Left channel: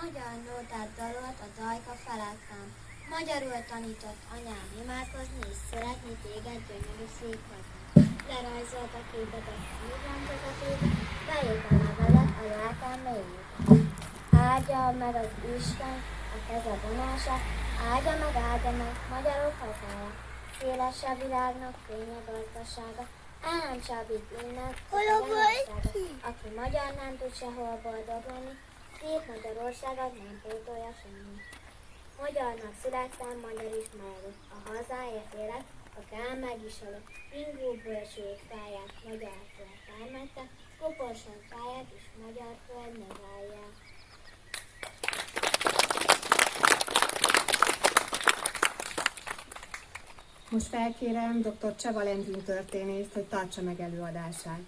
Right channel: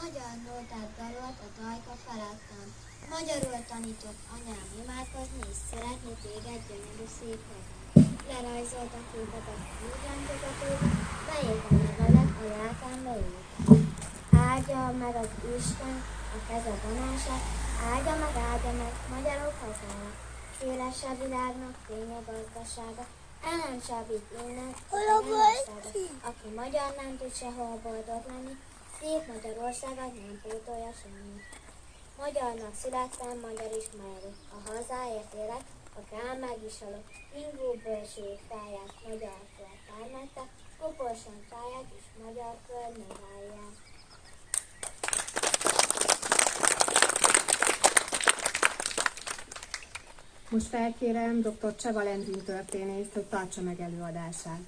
Magyar nótát dalolt a dajka felettem. Magyarul tanított anyám imádkozni és szeretni téged, gyönyörű szép hazám. Lerajzolt a képet a fűrendzegetőbe, beírt a nevelet a lelkem mélyében. Áldja meg az Isten a keze vonását, áldja meg magyarok hazája. Széles a világnak fénye gazdasága, állam csábít innen, aki magyar nem tud sehol boldog lenni, szép Magyarországot nem pótolja semmi. Magyarnak születtem, magyar is maradok, a hazáért élek, a kám meg is halok. Ingó bölcsők fáját, magyar föld termette, koporson fáját is magyar föld nevelje. Most felkérem dr. Csaba Lendin történészt, hogy tartsa meg előadását.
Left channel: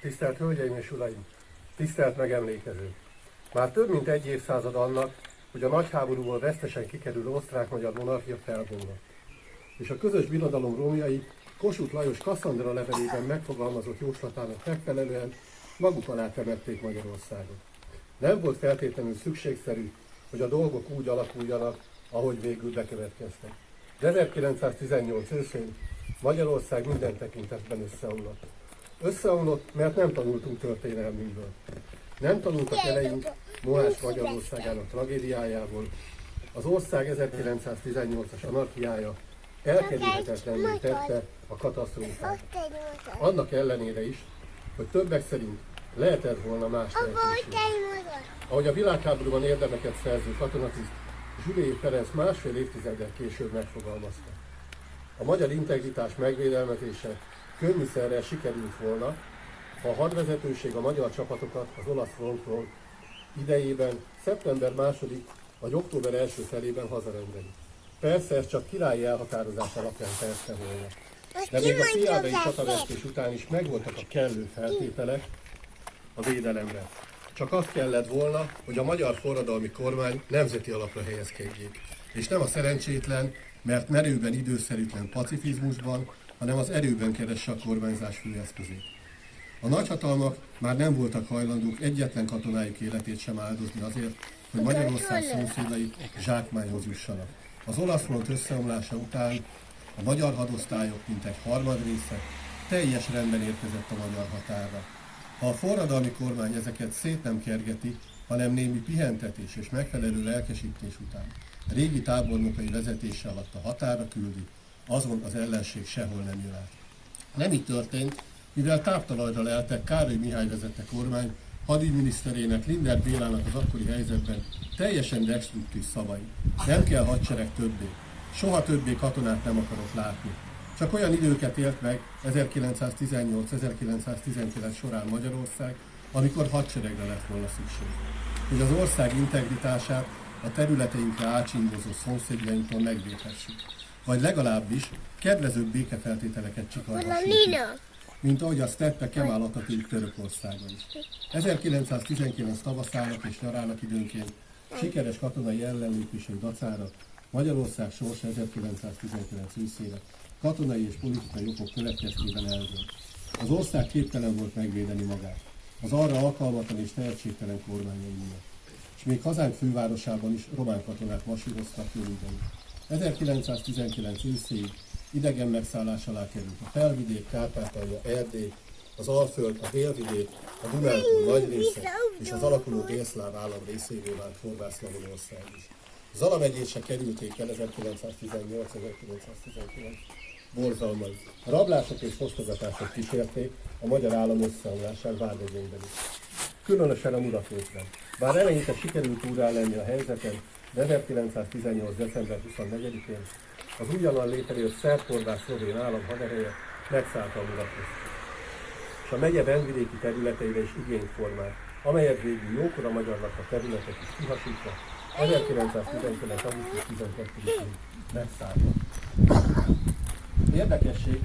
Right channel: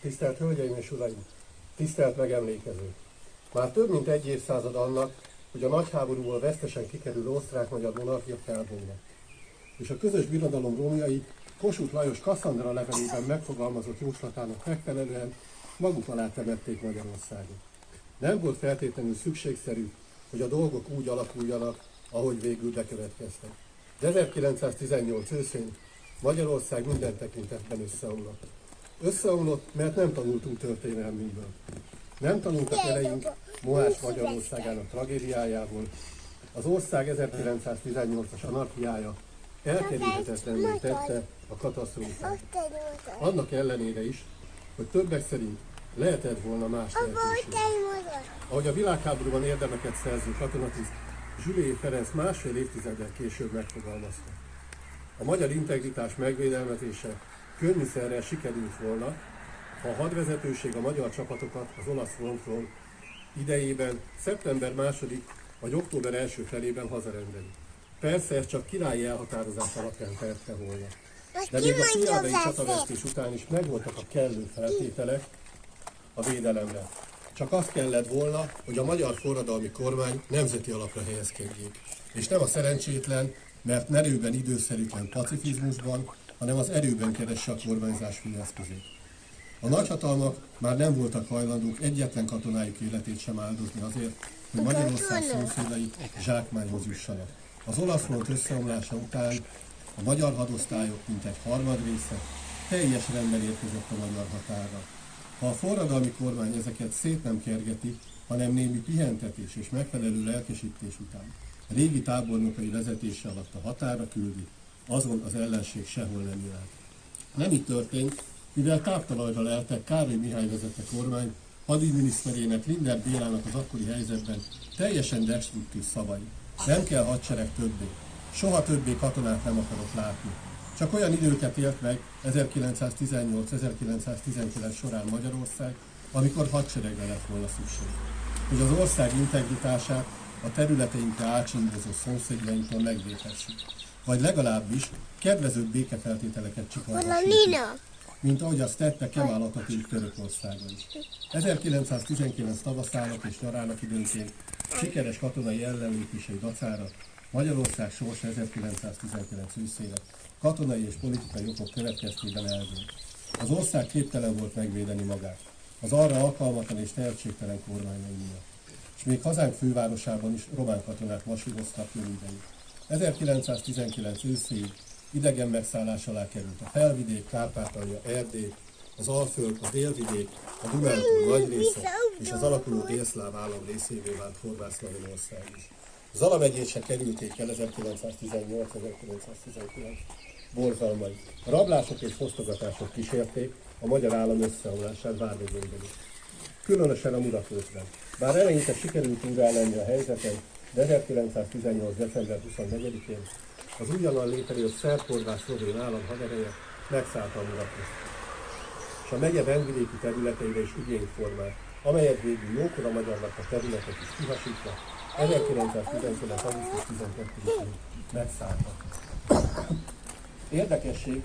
Tisztelt Hölgyeim és Uraim! Tisztelt megemlékezők! Már több mint egy évszázad annak, hogy a nagy háborúból vesztesen kikerülő osztrák-magyar monarchia felbomlott. És a közös birodalom romjai Kossuth Lajos Kasszandra levelében megfogalmazott jóslatának megfelelően maguk alá temették Magyarországot. Nem volt feltétlenül szükségszerű, hogy a dolgok úgy alakuljanak, ahogy végül bekövetkeztek. De 1918 őszén Magyarország minden tekintetben összeomlott. Összeomlott, mert nem tanultunk történelmünkből. Nem tanultak eleink Mohács Magyarországának tragédiájából, Az ország 1918-as anarchiája elkerülhetetlenné tette a katasztrófát. Annak ellenére is, hogy többek szerint lehetett volna más lehetőség. Ahogy a világháborúban érdemeket szerző katonatiszt Zsülély Ferenc másfél évtizeddel később megfogalmazta. A magyar integritás megvédelmezése könnyűszerrel sikerült volna, ha a hadvezetőség a magyar csapatokat az olasz frontról idejében szeptember 2. vagy október 1. felében hazarendeli. Persze ez csak királyi elhatározás alapján tette volna. De még a triádai csatavesztés után is megvoltak a kellő feltételek a védelemre. Csak azt kellett volna, hogy a magyar forradalmi kormány nemzeti alapra helyezkedjék. És nem a szerencsétlen, mert merőben időszerűtlen pacifizmusban, hanem az erőben keresse a kormányzás főeszközét. A nagyhatalmak már nem voltak hajlandók egyetlen katonájuk életét sem áldozni azért, hogy Magyarország szomszédai zsákmányhoz jussanak. Az olasz front összeomlása után a magyar hadosztályok mintegy harmadrésze teljes rendben érkezett a magyar határra. Ha a forradalmi kormány ezeket szét nem kergeti, hanem némi pihentetés és megfelelő lelkesítés után régi tábornokai vezetése alatt a határra küldi, azon az ellenség sehol nem jön át. Nem így történt, mivel táptalajra leltek Károly Mihály vezette kormány hadügyminiszterének Lindner Bélának az akkori helyzetben teljesen destruktív szavai. Nem kell hadsereg többé. Soha többé katonát nem akarok látni. Csak olyan időket élt meg 1918-1919 során Magyarország, amikor hadseregre lett volna szükség. Hogy az ország integritását a területeinkre ácsimbozó szomszédjainktól megvédhessük. Vagy legalábbis kedvezőbb békefeltételeket csikarhassuk, mint ahogy azt tette Kemal Atatürk Törökországon is. 1919 tavaszának és nyarának időnként sikeres katonai ellenlépései dacára Magyarország sorsa 1919 őszére katonai és politikai okok következtében eldőlt. Az ország képtelen volt megvédeni magát, az arra alkalmatlan és tehetségtelen kormányai miatt. És még hazánk fővárosában is román katonák masíroztak jövődeni. 1919 őszéig idegen megszállás alá került a Felvidék, Kárpátalja, Erdély, az Alföld, a Délvidék, a Dunántúl nagy része és az alakuló délszláv állam részévé vált Horvátszlavinország is. Zala megyét se kerülték el 1918-1919 borzalmai. A rablások és fosztogatások kísérték a magyar állam összeomlását Vármegyénkben is. Különösen a Muratrészben. Bár eleinte sikerült úrrállenni a helyzeten, de 1918. december 24-én az újonnan létrejött szerb-horvát szlovén állam hadereje megszállta a Muratrészt. És a megye vendvidéki területeire is igényt formált, amelyet végül jókora magyarnak a területek is kihasítva 1919. augusztus 12-én megszállta. Érdekesség,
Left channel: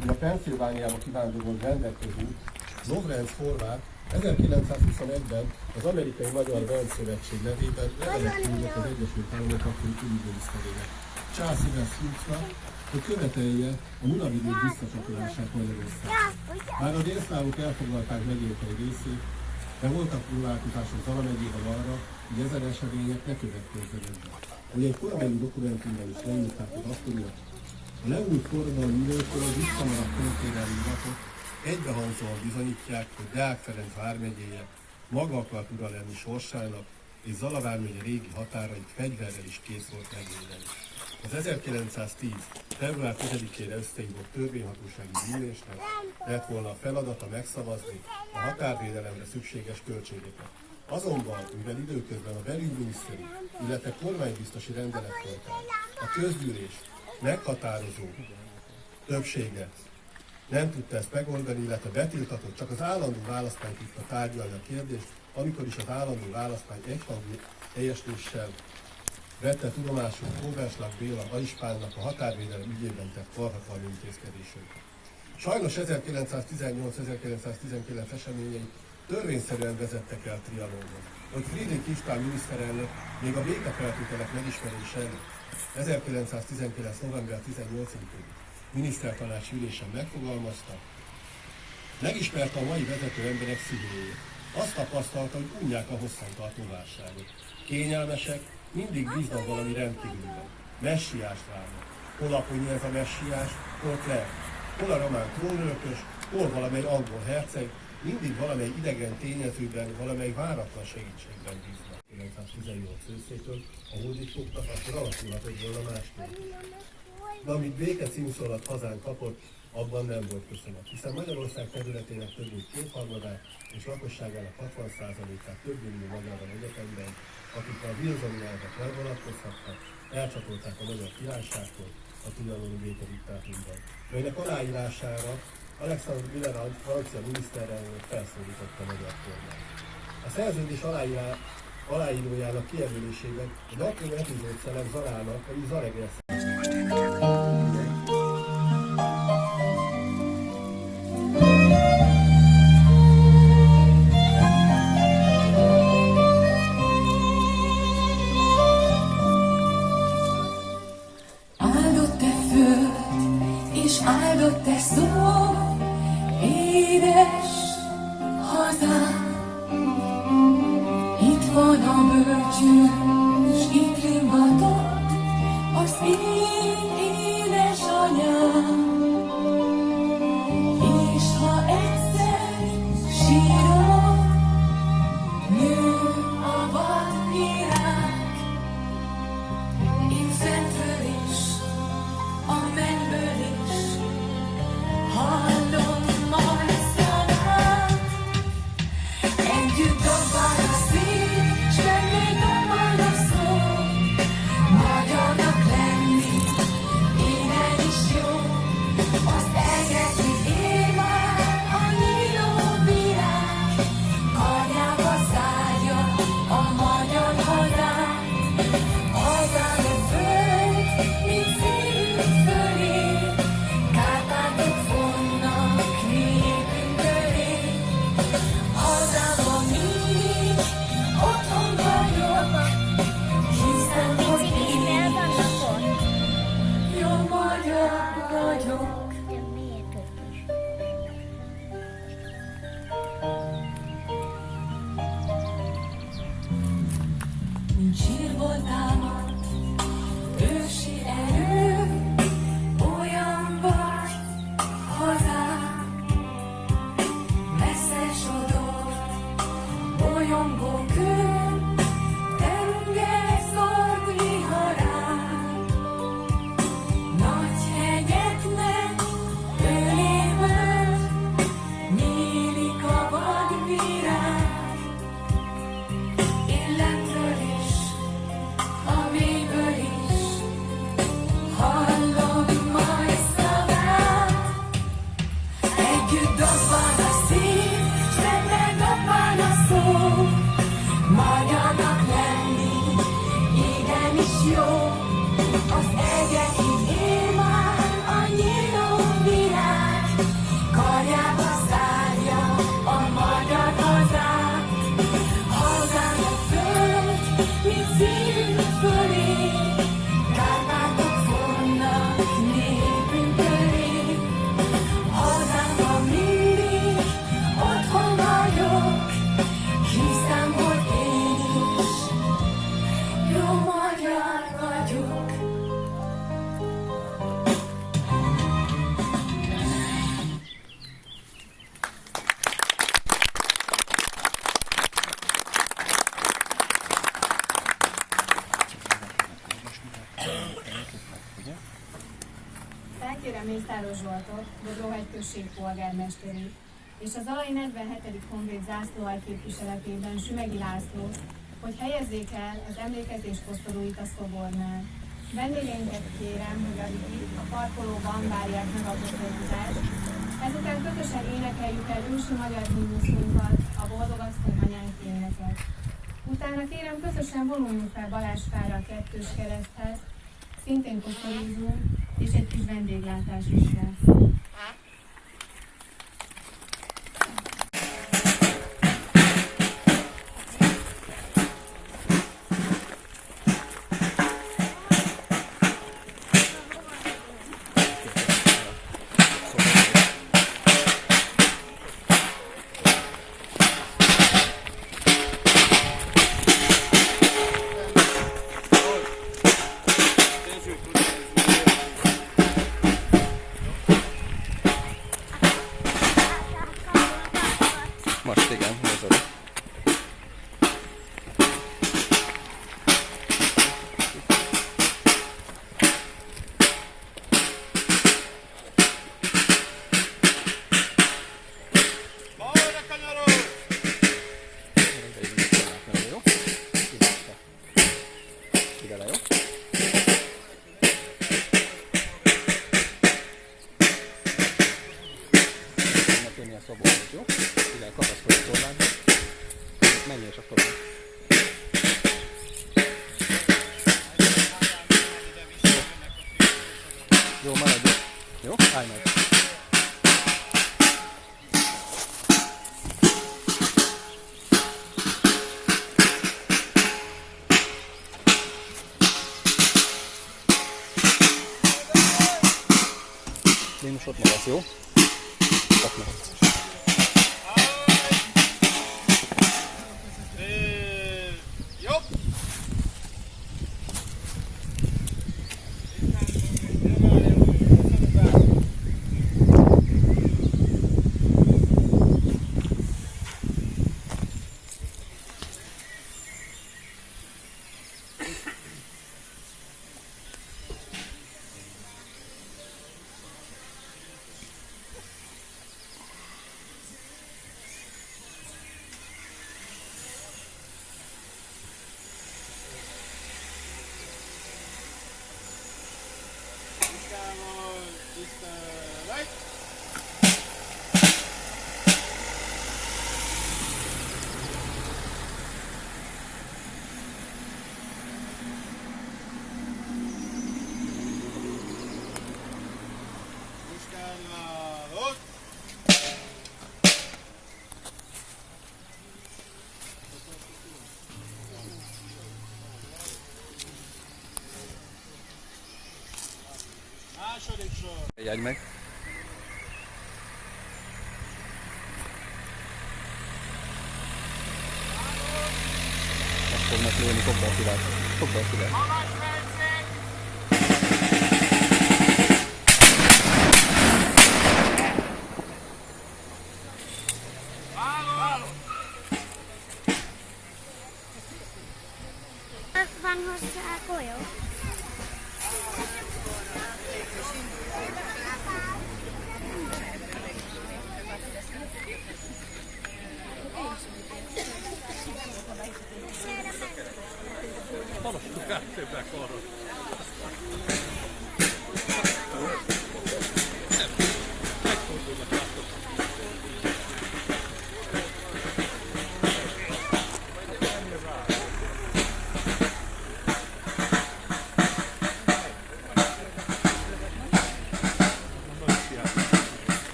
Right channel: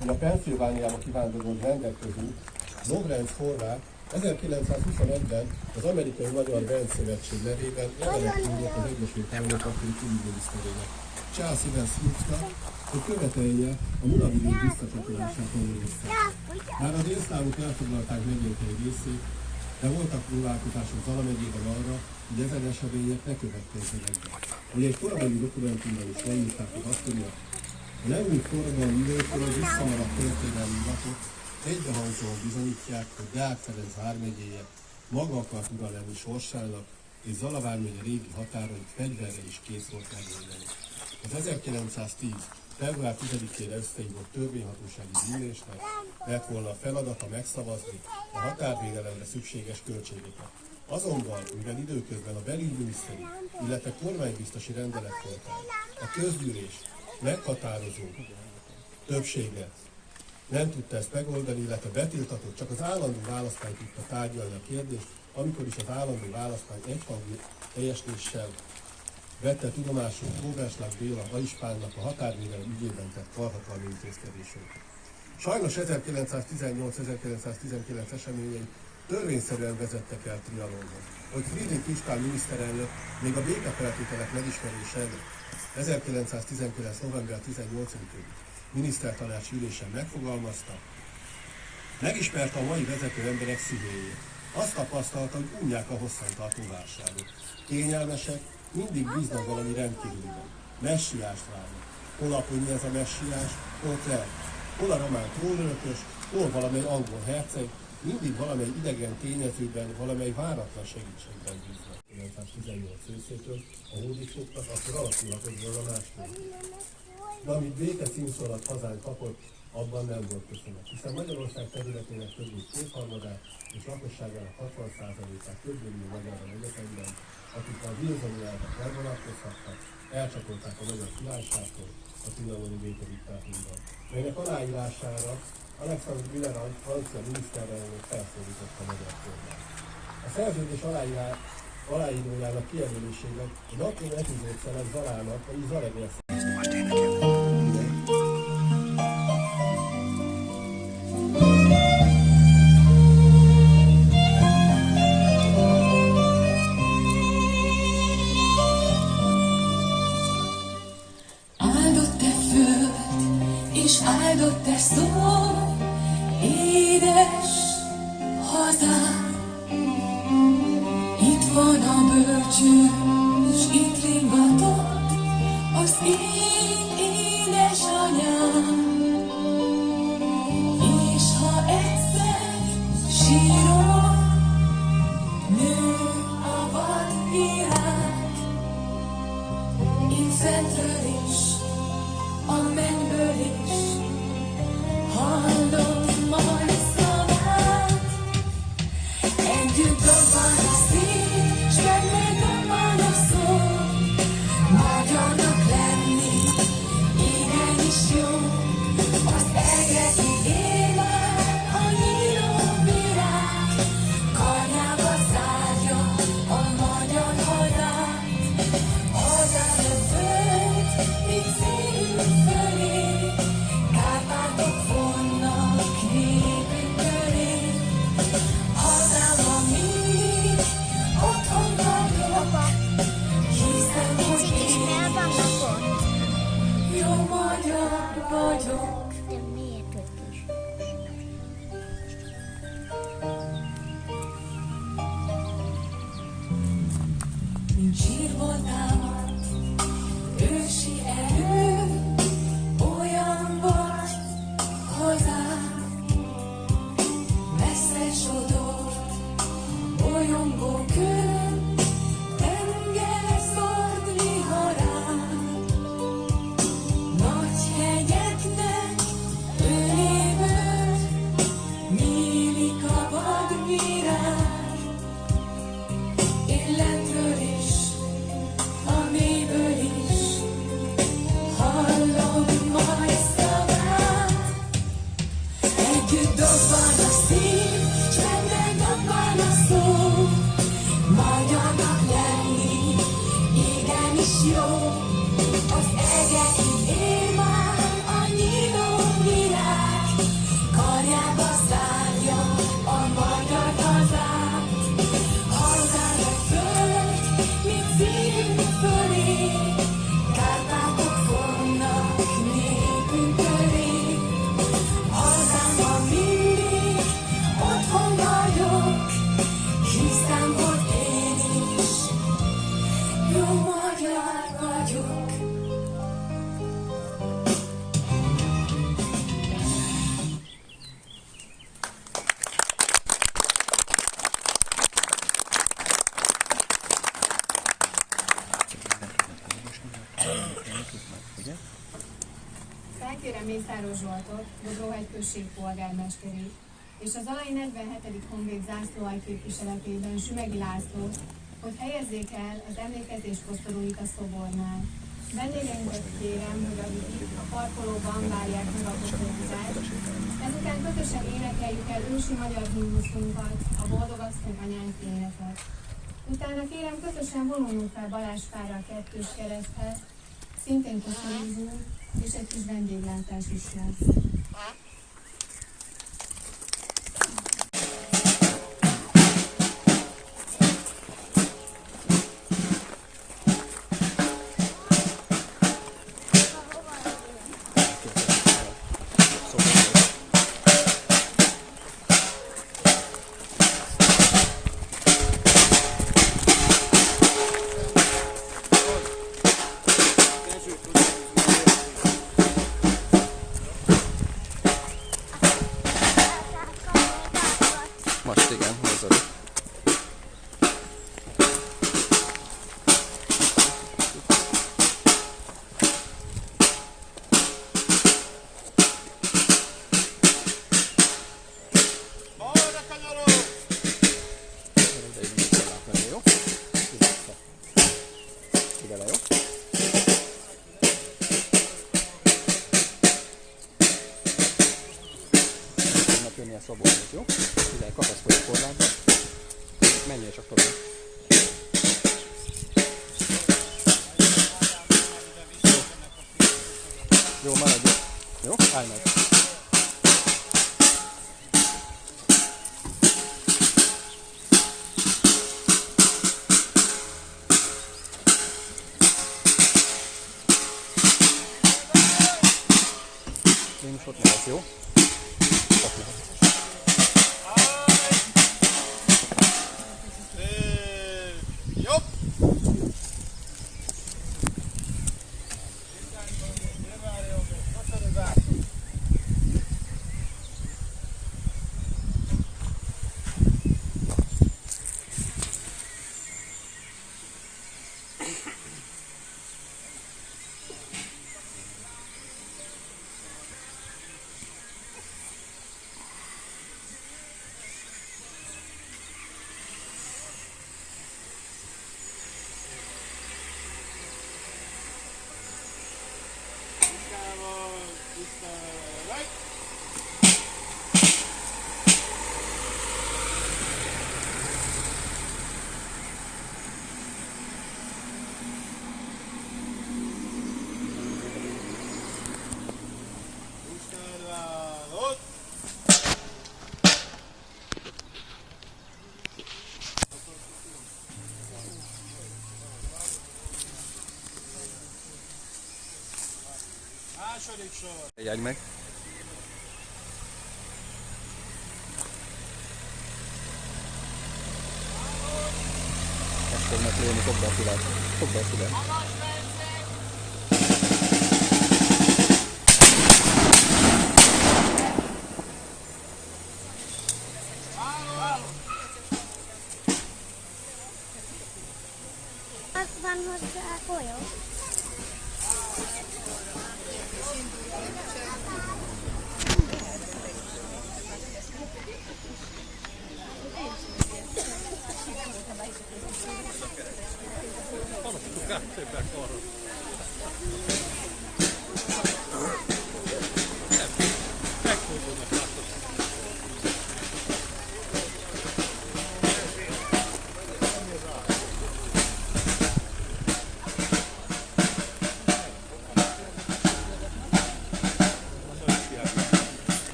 hogy a Pennsylvániába kivándorolt rendek közül Lovrenc horvát 1921-ben az Amerikai Magyar Rendszövetség nevében levelet küldött az Egyesült Államok akkori külügyminiszterének, Charles Evans Hughes-nak, hogy követelje a Munavidék visszacsatolását Magyarországra. Már a délszlávok elfoglalták megyénk egy részét, de voltak próbálkozások Zala megyében arra, hogy ezen események ne következzenek be. Hogy egy korabeli dokumentumban is leírták az akkoriak, a leújult forradalmi időkről az visszamaradt történelmi iratok egybehangzóan bizonyítják, hogy Deák Ferenc vármegyéje maga akart ura lenni sorsának, és Zala vármegye régi határait fegyverrel is kész volt megvédeni. Az 1910. február 10-ére összehívott törvényhatósági gyűlésnek lett volna a feladata megszavazni a határvédelemre szükséges költségeket. Azonban, mivel időközben a belügyminiszteri, illetve kormánybiztosi rendelet volt el, a közgyűlés meghatározó többsége nem tudta ezt megoldani, illetve betiltatott, csak az állandó választány tudta tárgyalni a kérdést, amikor is az állandó választány egyhangú teljesítéssel vette tudomásul Óverslag Béla Aispánnak a határvédelem ügyében tett karhatalmi intézkedését. Sajnos 1918-1919 eseményei törvényszerűen vezettek el Trianonhoz. Hogy Friedrich István miniszterelnök még a békefeltételek megismerése előtt 1919. november 18-i minisztertanács ülésen megfogalmazta, megismerte a mai vezető emberek szívéjét. Azt tapasztalta, hogy unják a hosszantartó válságot. Kényelmesek, mindig bíznak valami rendkívülben. Messiást várnak. Hol aponyi ez a messiás, hol Claire. Hol a román trónörökös, hol valamely angol herceg, mindig valamely idegen tényezőben, valamely váratlan segítségben bíznak. 1918 őszétől, a hódis fogtak, akkor alakulhatott volna másképp. De amit béke címszólat hazánk kapott, abban nem volt köszönet, hiszen Magyarország területének több mint kétharmadát és lakosságának 60%-át több millió magyarral egyetemben, akik a wilsoni elvet elvonatkozhattak, elcsatolták a magyar királyságtól a trianoni békediktátumban. Melynek aláírására Alexandre Millerand francia miniszterelnök felszólította a magyar kormányt. A szerződés aláírójának kijelölésében egy apró epizód szelem Zarának, vagyis Zaregér áldott-e föld, és áldott-e szó, édes hazám. Itt van a bölcsőd, és itt ringatott az én édesanyám. És ha egyszer sírok, nő a vadvirág. Én fentről is, a mennyből is hallom majd szavát. Együtt dobál a szív, s még dobál a szó. Magyarnak lenni, élen is jó. Az egekig él már a nyíló virág. Kanyába zárja a magyar hazát. Hazán a föld, mint szívünk fölé, Kárpátok fonnak népünk köré. Hazában mindig otthon vagyok, hiszem, hogy én jó magyar vagyok. Mint sírból támadt ősi erő, olyan vagy hazám. Messze sodort, bolyongó kő, tenger szort viharán. Nagy hegyeknek öléből nyílik a vadvirág. Én lentről is, a mélyből is hallom majd szavát. Együtt dobál a szív, s benne dobál a szó. Magyarnak lenni, igenis jó. Az egekig él már a nyíló virág. Karjába zárja a magyar hazát. Hazán a föld, mint szívünk fölé, Kárpátok fonnak népünk köré. Hazámban mindig otthon vagyok, hiszem, hogy én is jó magyar vagyok. Felkérem Mészáros Zsoltot, Dobróhegy község polgármesterét, és az alai 47. honvéd zászlóalj képviseletében Zsümegi Lászlót, hogy helyezzék el az emlékezés koszorúit a szobornál. Vendégeinket kérem, hogy akik a parkolóban várják meg a koszorúzást. Ezután közösen énekeljük el ősi magyar himnuszunkat, a Boldog Asszony Anyánk éneket. Utána kérem, közösen vonuljunk fel Balázsfára a kettős kereszthez, szintén koszorúzunk, és egy kis vendéglátás is lesz. szabolni, jó? Figyelj, kapaszkodj a korlátba. Menjél csak tovább. Jó, maradj. Jó? Állj meg. Én is ott maradsz, jó? Ott maradsz. Jobb! Második sor. Jegy meg. Azt fognak lőni, fogd be a fület. Fogd be a fület. Van hozzá golyó?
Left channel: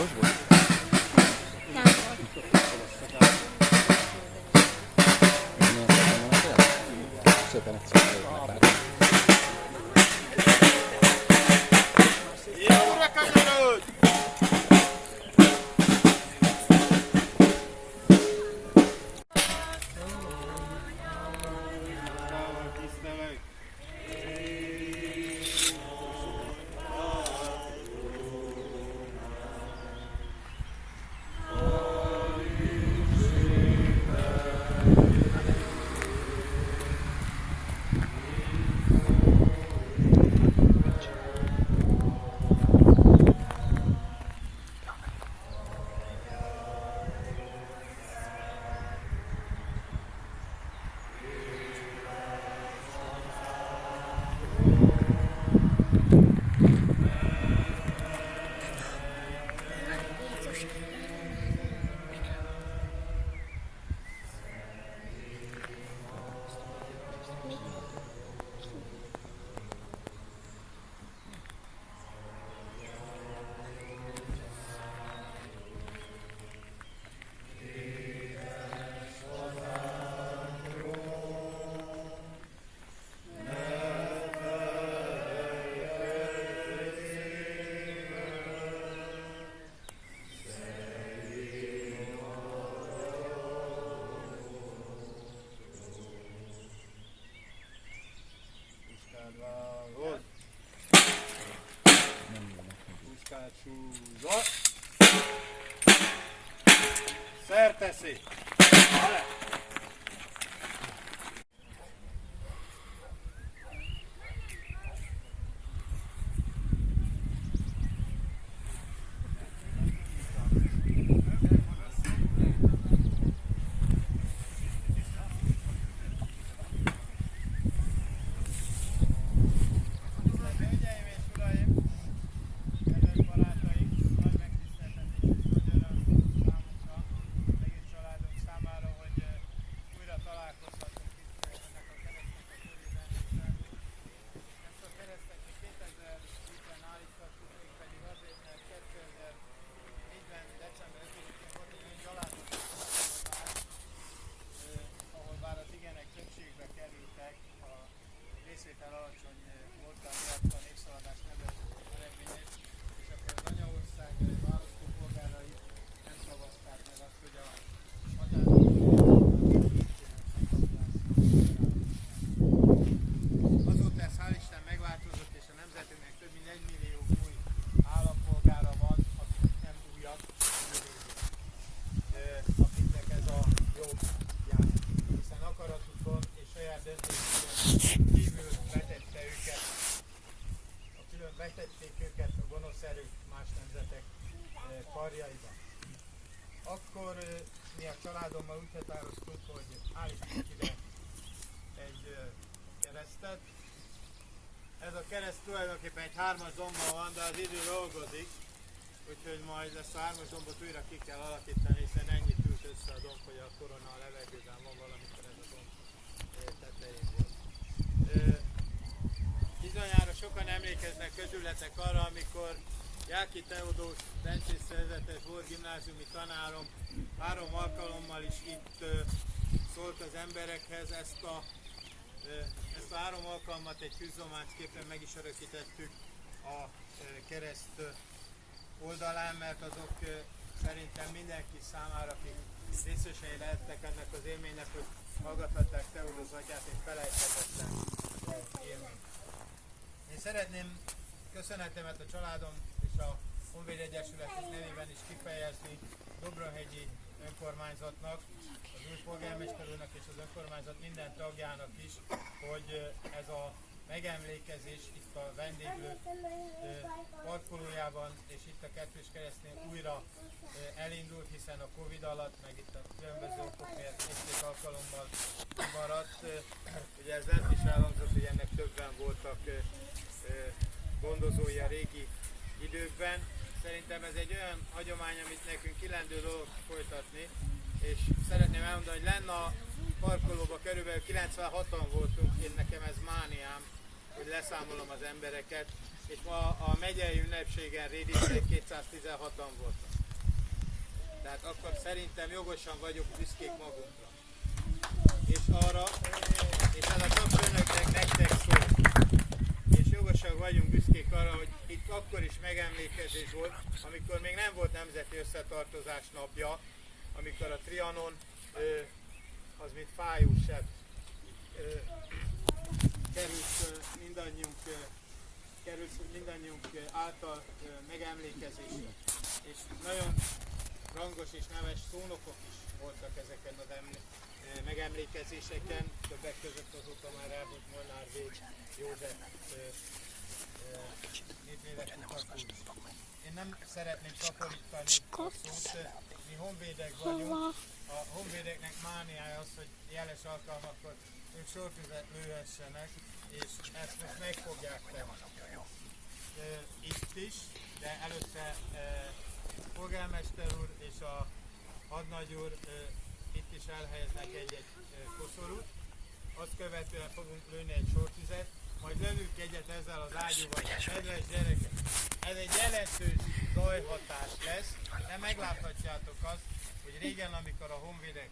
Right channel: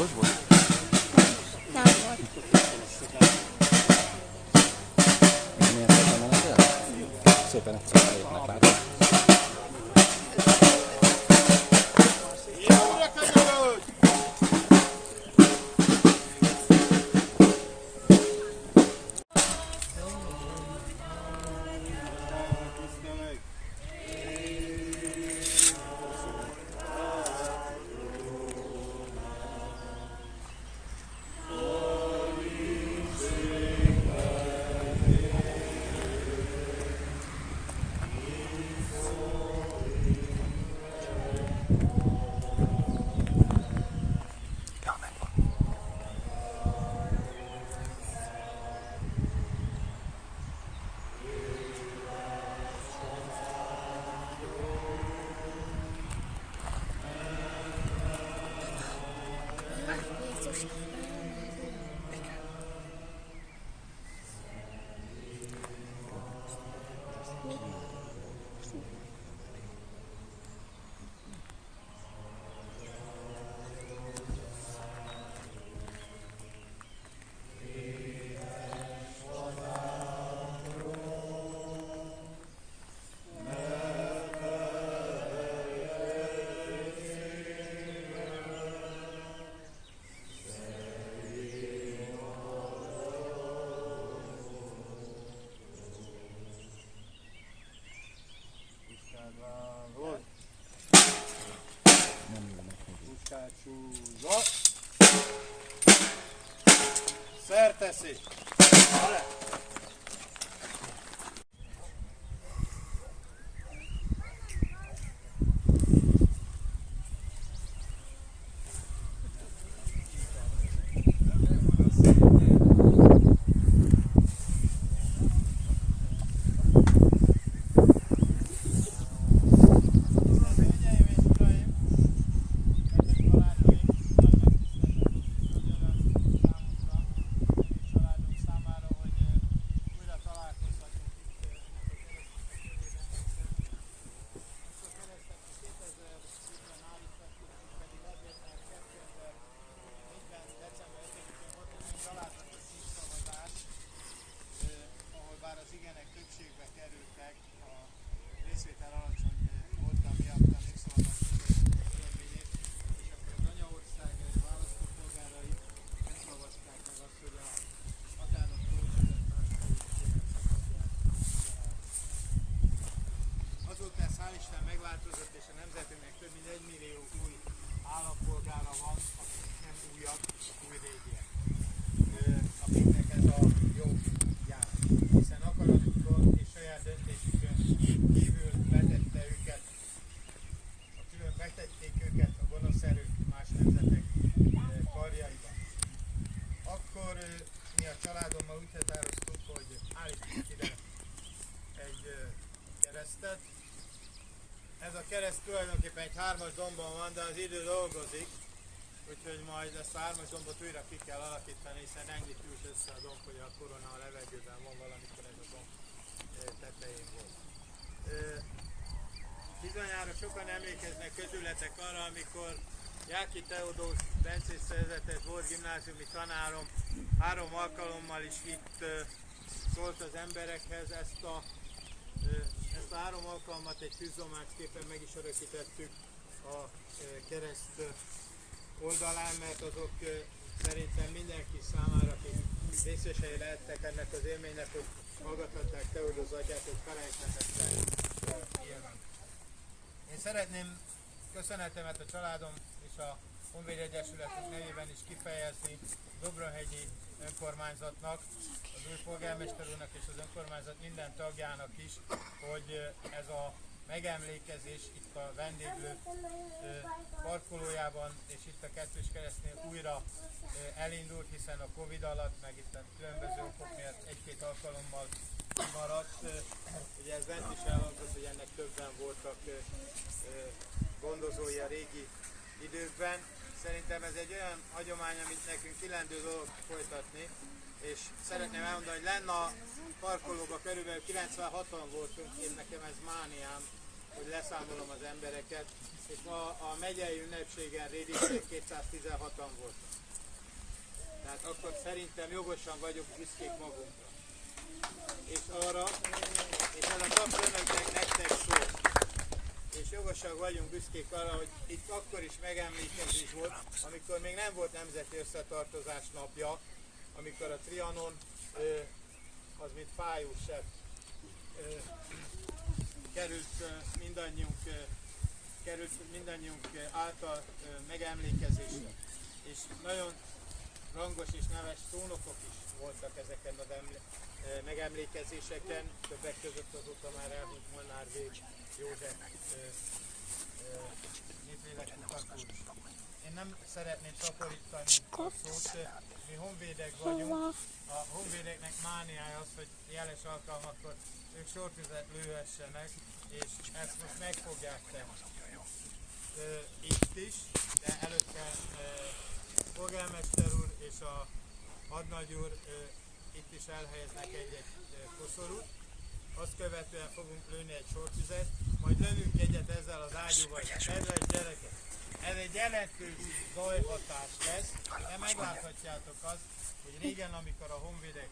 Bocs, bocs. Szépen egyszer lépnek már. Jóra kanyarodj! Tiszteleg! Súlyzol! Szerteszi! Hölgyeim és uraim! többségbe kerültek a részvétel alacsony voltam miatt a népszavazás eredményét, és akkor az anyaország választópolgárai nem szavazták meg azt, hogy a azóta ez hál' Isten megváltozott, és a nemzetünknek több mint 1 millió új állampolgára van, akik nem újabb, új régiek, akiknek ez a jog jár, hiszen akaratukon és saját döntésükön kívül betették őket a gonosz erők más nemzetek karjaiba. Akkor mi a családommal úgy határoztuk, hogy állítunk ide egy keresztet. Ez a kereszt tulajdonképpen egy 3-as dombon van, de az idő dolgozik, úgyhogy majd ezt a 3-as dombot újra ki kell alakítani, hiszen ennyit ült össze a domb, hogy a korona a levegőben van, valamikor ez a domb tetején volt. Bizonyára sokan emlékeznek közületek arra, amikor Jáki Teodósz bencés szerzetes volt gimnáziumi tanárom 3 alkalommal is itt szólt az emberekhez. Ezt a 3 alkalmat egy tűzzomácsképpen meg is örökítettük a kereszt oldalán, mert azok szerintem mindenki számára, akik részesei lehettek ennek az élménynek, hogy hallgathatták Teodósz atyát, egy felejthetetlen élmény. Én szeretném köszönetemet a családom és a Honvéd Egyesületünk nevében is kifejezni Dobronhegyi önkormányzatnak, az új polgármester úrnak és az önkormányzat minden tagjának is, hogy ez a megemlékezés itt a vendéglő parkolójában és itt a Kettős Keresztnél újra elindult, hiszen a Covid alatt, meg itt a különböző okok miatt 1-2 alkalommal maradt. Ugye ez lett is elhangzott, hogy ennek többen voltak gondozói a régi időkben. Szerintem ez egy olyan hagyomány, amit nekünk illendő dolog folytatni, és szeretném elmondani, hogy lenne a parkolóban körülbelül 96-an voltunk, én nekem ez mániám, hogy leszámolom az embereket, és ma a megyei ünnepségen Rédisen 216-an voltak. Tehát akkor szerintem jogosan vagyok büszkék magunkra. És arra, és ez a kapcsolatban nektek szól. És jogosan vagyunk büszkék arra, hogy itt akkor is megemlékezés volt, amikor még nem volt nemzeti összetartozás napja, amikor a Trianon az mint fájúsebb került mindannyiunk által megemlékezésre. És nagyon rangos és neves szónokok is voltak ezeken az megemlékezéseken, többek között azóta már elhúnyt Molnár V. József néplélekkutató is. Én nem szeretném szaporítani a szót, mi honvédek vagyunk, a honvédeknek mániája az, hogy jeles alkalmakkor ők sortüzet lőhessenek, és ezt most meg fogják tenni. Itt is, de előtte polgármester úr és a hadnagy úr itt is elhelyeznek egy koszorút, azt követően fogunk lőni egy sortüzet, majd lövünk egyet ezzel az ágyúval. Kedves gyerekek, ez egy jelentős zajhatás lesz, de megláthatjátok azt, hogy régen, amikor a honvédek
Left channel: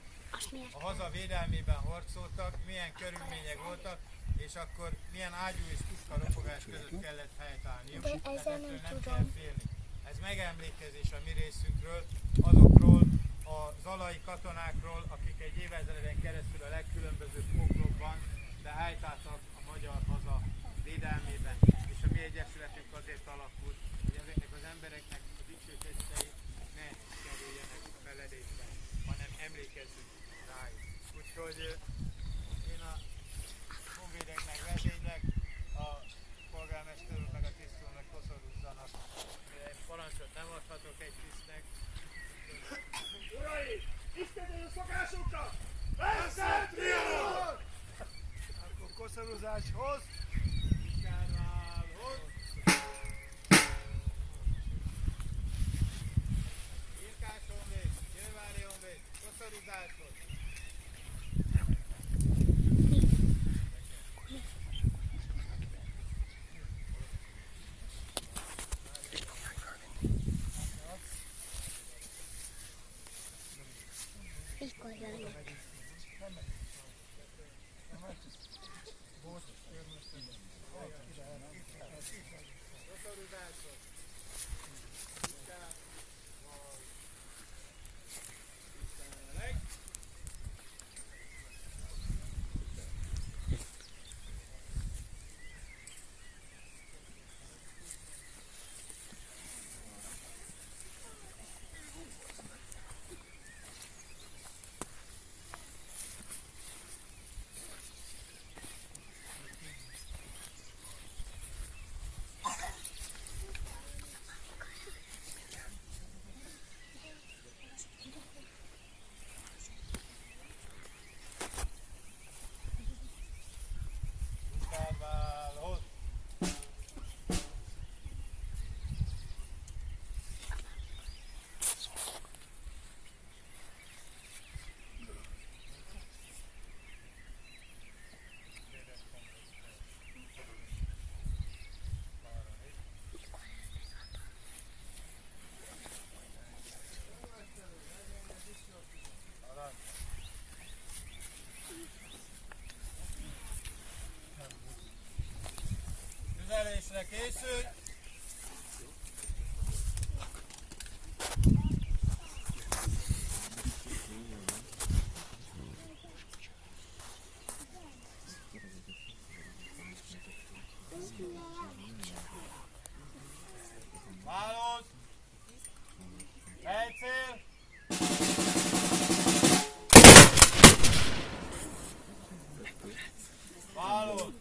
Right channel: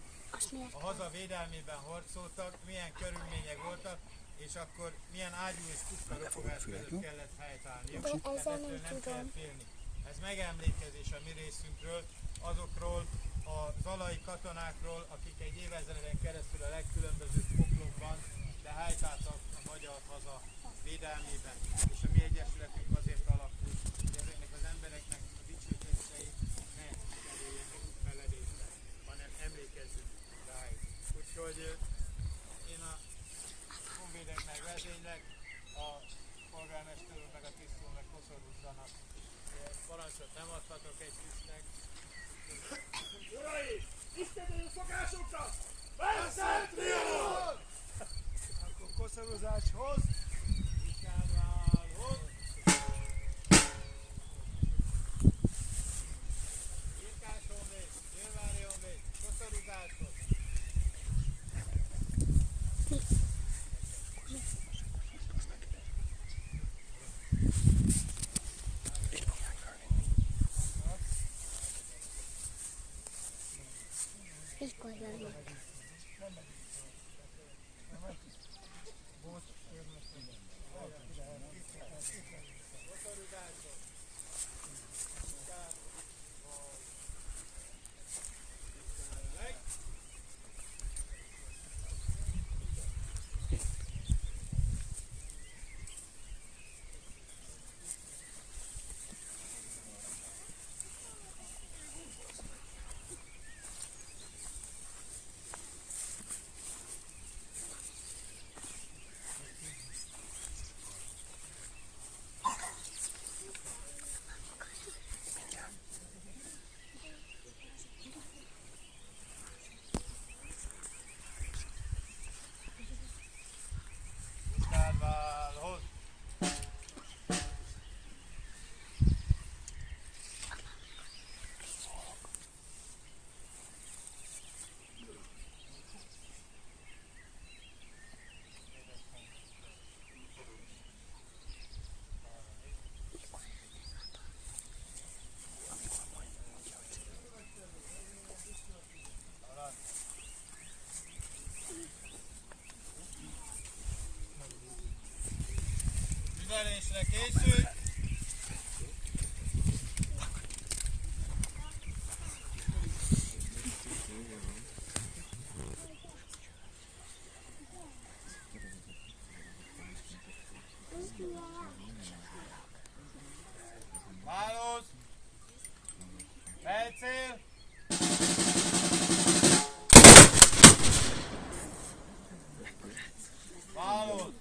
a haza védelmében harcoltak, milyen körülmények voltak, és akkor milyen ágyú és puska ropogás között kellett helytállniuk, tehát ettől nem kell félni. Ez megemlékezés a mi részünkről, azokról a zalai katonákról, akik egy évezreden keresztül a legkülönbözőbb poklokban, de helytáltak a magyar haza védelmében. És a mi egyesületünk azért alakult, hogy ezeknek az embereknek a dicsőítései ne kerüljenek feledésre, hanem emlékezzünk rájuk. Úgyhogy én a honvédeknek vezénylek, a polgármester úr meg a tisztúrnak koszorúzzanak. Parancsot nem adhatok egy tisztnek. Urai! Istenedő szokásunknak! Veszett Trianon! Akkor koszorúzáshoz! Viskárválhoz! Irkás honvéd, Győrvári honvéd, koszorúzáshoz! Mikor jön? Tüzelésre készülj! Válasz! Fejcél! Válasz!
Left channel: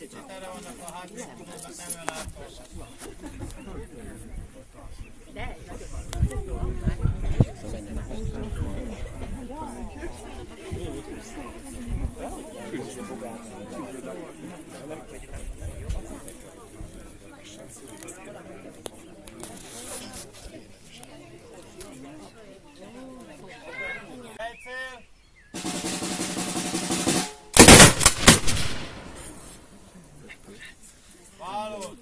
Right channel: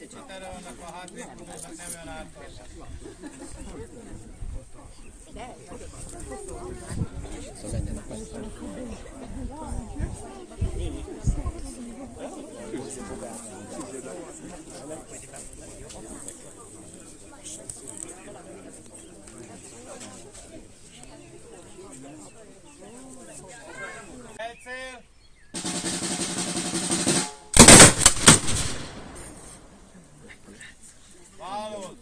Itt erre vannak a hátvédkudomnak, nem olyan ártalmas. Szóval menjenek meg. Fejcél! Válasz!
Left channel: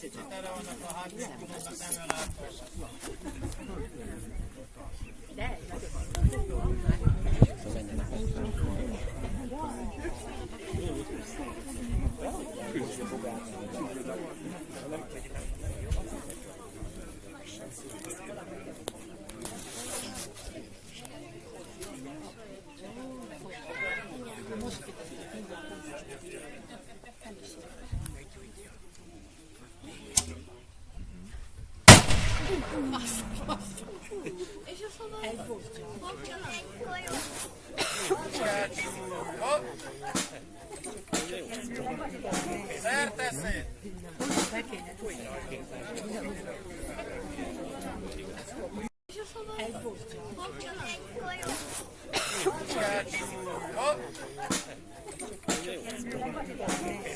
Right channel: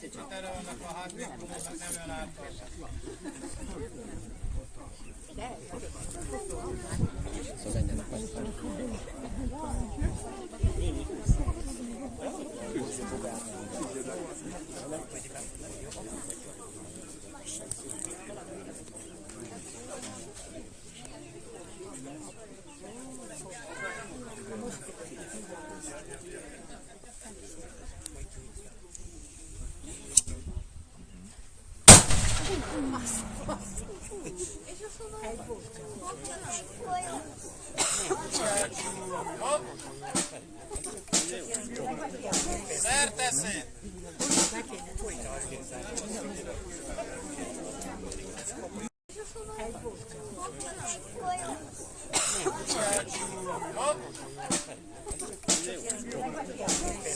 Itt erre vannak a hátvédkudomnak, nem olyan ártalmas. Szóval menjenek meg. Szerteszéd!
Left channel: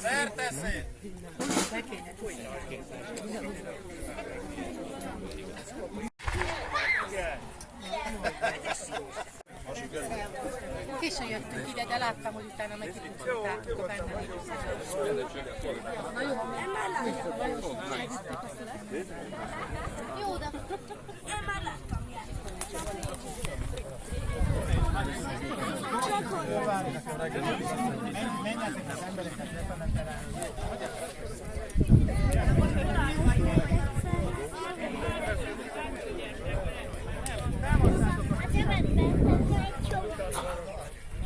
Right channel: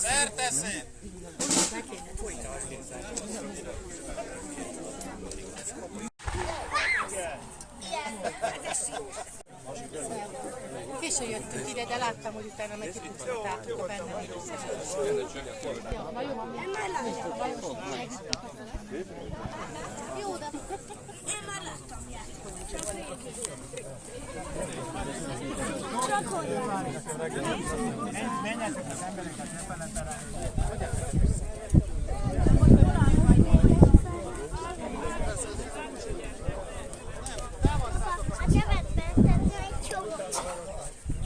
Szerteszéd! Késő jöttünk ide, de láttam, hogy utána meg kipucolták benne. Na jó, nem már láttam. Jó, de én már láttam. Menjetek az embereket lefeletele.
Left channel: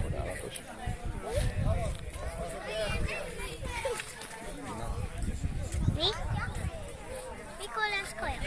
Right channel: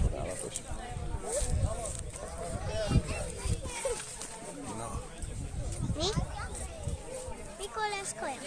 Csodálatos. Mi? Mikor lesz kaja?